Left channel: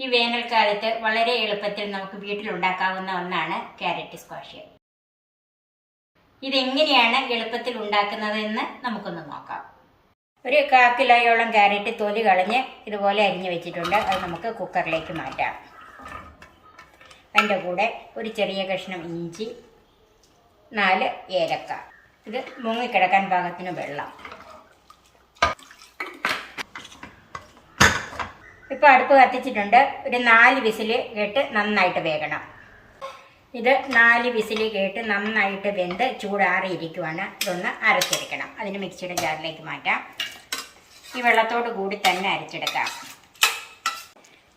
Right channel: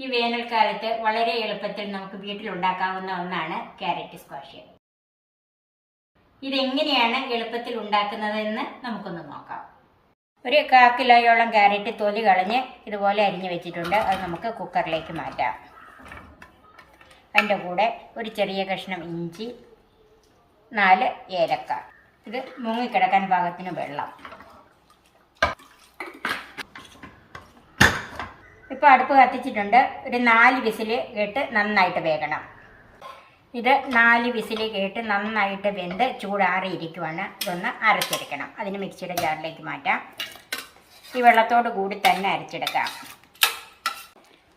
ഈ വേനൽക്കാലത്ത് വളരെ എളുപ്പത്തിൽ നമുക്ക് വീട്ടിലുണ്ടാക്കാവുന്ന ഒന്നാണ് ക്യാരറ്റ് സ്ക്വാഷ്. ഇതെങ്ങനെയാണ് എളുപ്പത്തിൽ ഉണ്ടാക്കുന്നതെന്ന് നമുക്കൊന്ന് നോക്കാം. ഒരു 1/4 കിലോയോളം ക്യാരറ്റ് തൊലി കളഞ്ഞ് ഇതുപോലെ അരിഞ്ഞു വെച്ചിട്ടുണ്ട്. അത് നമുക്ക് കുക്കറിലേക്ക് മാറ്റാം. അതിൻ്റെ കൂടെ ഒരു ചെറിയ കഷ്ണം ഇഞ്ചി, 4 ഏലക്ക, ഇത് മുങ്ങിക്കിടക്കാൻ പാകത്തിന് വെള്ളം. ഇപ്പോൾ അടുപ്പ് കത്തിച്ചിട്ടുണ്ട്. ഒരു 4 വിസിൽ കേട്ട് നന്നായിട്ട് വേകണം. ഇത് 4 വിസിൽ കേട്ട് നന്നായിട്ട് വെന്ത് ചൂടാറിയിരിക്കുവാണ്. ഇതൊന്ന് അരച്ചെടുക്കണം. അതിന് മിക്സിയുടെ ജാറിലേക്ക് മാറ്റാം. ഈ വെള്ളത്തോട് കൂടി തന്നെ അരച്ചെടുക്കാം.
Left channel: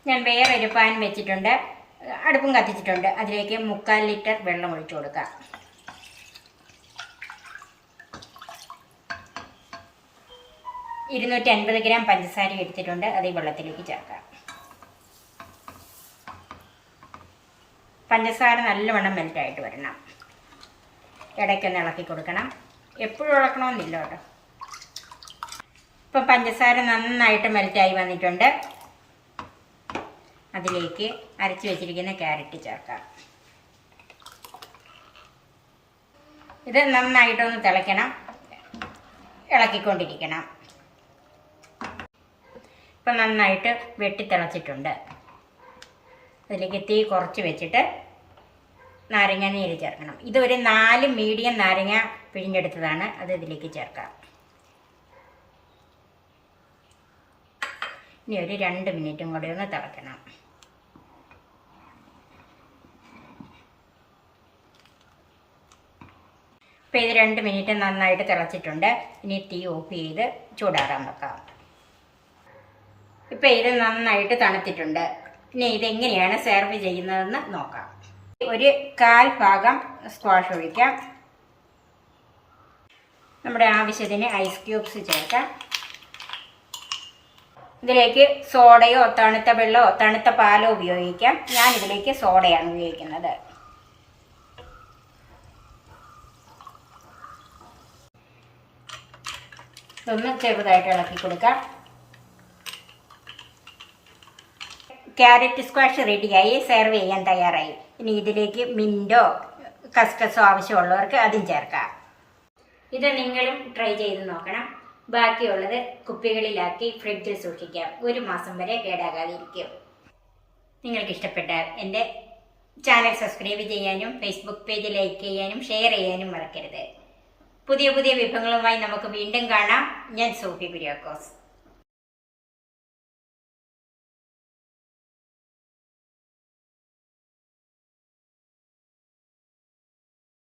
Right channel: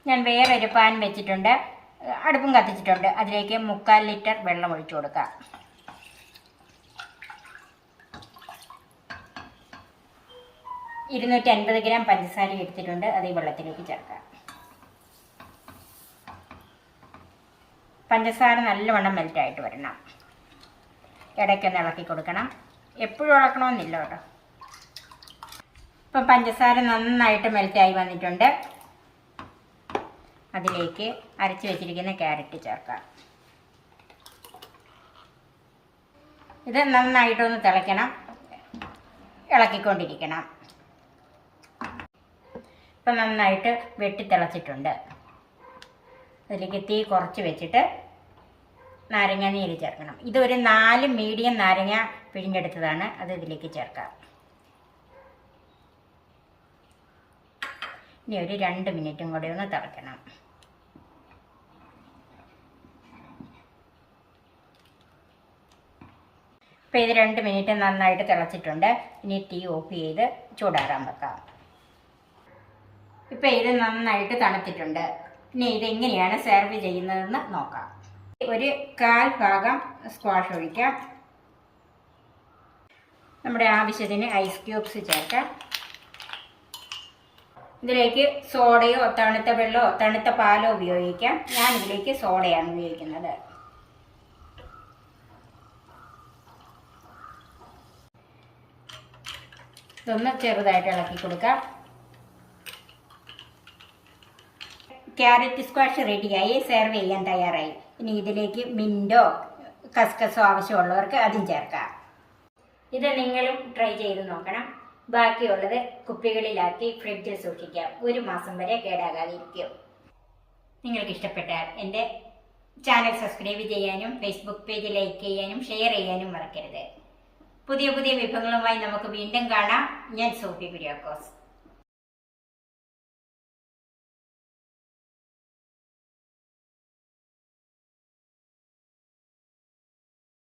ഞാൻ വേറൊരു പാൻ വെച്ചിട്ടുണ്ട്, അടുപ്പും കത്തിച്ചിട്ടുണ്ട്. അതിലേക്ക് 3/4 ലിറ്റർ വെള്ളം ഒഴിച്ചു കൊടുക്കാം. $250 ഗ്രാം പഞ്ചസാര എടുത്തിട്ടുണ്ട്. അത് ഈ വെള്ളത്തിലേക്ക് ചേർക്കാം. പഞ്ചസാര നല്ലവണ്ണം മെൽറ്റായിട്ട് വരണം. ഇടയ്ക്കൊന്ന് ഇളക്കി കൊടുക്കണം. എപ്പോഴും ഇളക്കണമെന്നില്ല കേട്ടോ. ഇപ്പം പഞ്ചസാര നന്നായിട്ട് മെൽറ്റായി വന്നിട്ടുണ്ട്. അതിലേക്ക് അരച്ച് വെച്ചിരിക്കുന്ന ക്യാരറ്റ് ചേർക്കാം. ഇത് നന്നായിട്ടൊന്ന് തിളയ്ക്കണം, ഇളക്കിക്കൊണ്ടിരിക്കണം. ഇപ്പം നന്നായിട്ട് വെട്ടിത്തിളച്ചിട്ടുണ്ട്. അതിലേക്ക് തീ കുറച്ച് വെച്ചിട്ട് നാരങ്ങ നീര് ചേർക്കണം. ഇതൊരു 4 മീഡിയം നാരങ്ങ പിഴിഞ്ഞെടുത്തതാണ്. അത് ഇതിലേക്ക് ചേർക്കാം. ഇനി ഒരു 2 മിനിറ്റും കൂടി ഒന്ന് തിളയ്ക്കണം. ഇപ്പോൾ ഇത് 2 മിനിറ്റ് നന്നായിട്ട് തിളച്ചിട്ടുണ്ട്. ഇനി തീ ഓഫ് ചെയ്ത് ചൂടാറാൻ വെക്കാം. ഇപ്പോൾ ഇത് നന്നായിട്ട് തണുത്തിട്ടുണ്ട്. ഇനി ഇതെങ്ങനെയാണ് സെർവ് ചെയ്യുന്നതെന്ന് നോക്കാം. ഒരു 1/4 ഭാഗം സ്ക്വാഷ് ഒഴിക്കാം. നമ്മുടെ ആവശ്യത്തിന് ഐസ് ക്യൂബ്സ് ചേർക്കാം. ഇതിലേക്ക് സോഡയോ തണുത്ത വെള്ളമോ തണുത്ത പാലോ ഉപയോഗിക്കാം. ഞാനിതിലേക്ക് സോഡയാണ് ഉപയോഗിക്കുന്നത്. ഇതൊന്ന് ചെറുതായിട്ട് ഇളക്കി കൊടുക്കാം. ക്യാരറ്റ് സ്ക്വാഷ് റെഡിയായി, സെർവ് ചെയ്യാൻ തയ്യാറായി. ഇനി ഇതിലേക്ക് മിൻറ്റോ കസ്കസോ ആവശ്യമുള്ളവർക്ക് അതും ചേർക്കാം. ഇത് നിങ്ങളും ട്രൈ ചെയ്ത് നോക്കണം. ബാക്കിയുള്ളത് കുപ്പികളിലാക്കി ഫ്രിഡ്ജിൽ സൂക്ഷിക്കാം. 1 മാസം വരെ കേടാകാതിരിക്കും. നിങ്ങൾക്ക് ഇഷ്ടപ്പെട്ടാൽ എൻ്റെ ചാനൽ സബ്സ്ക്രൈബ് ചെയ്യാനും ഫേസ്ബുക്ക് പേജ് ലൈക്ക് ചെയ്യാനും ഷെയർ ചെയ്യാനും മറക്കരുത്. പുതിയ പുതിയ വിഭവങ്ങളുമായി നമുക്ക് വീണ്ടും കാണാം. ഞാൻ സോഫി കുര്യാക്കോസ്.